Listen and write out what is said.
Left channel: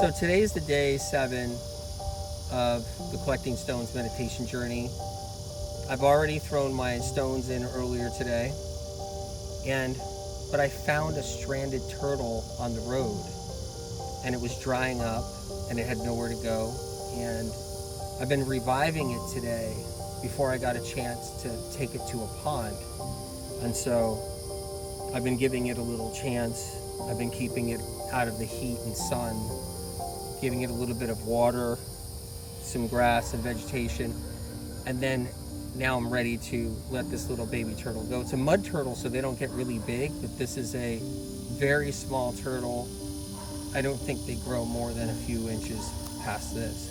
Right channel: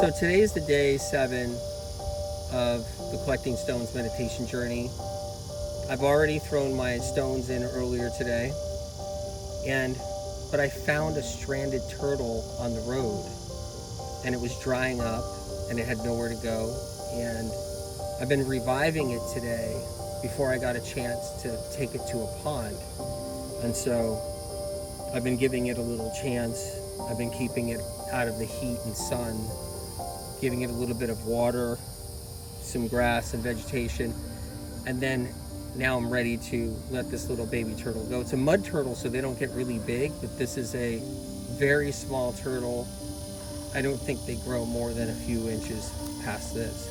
So today's the day 7 of the Collecting Stones meditation journey. I've already thrown my stones in earlier today, but I found a stranded turtle on the road, and it was drying up, and it had nowhere to go. And I've been reviving it today before I got a chance to take it to a pond. And so I've been giving it a little chance. I've been keeping it out of the heat and sun, giving it a little bit of water, some grass and vegetation, and then now I'm ready to let this little baby turtle go. It's a mud turtle, so they don't get really big, but this is a very small turtle. I don't think they grow more than a few inches past this.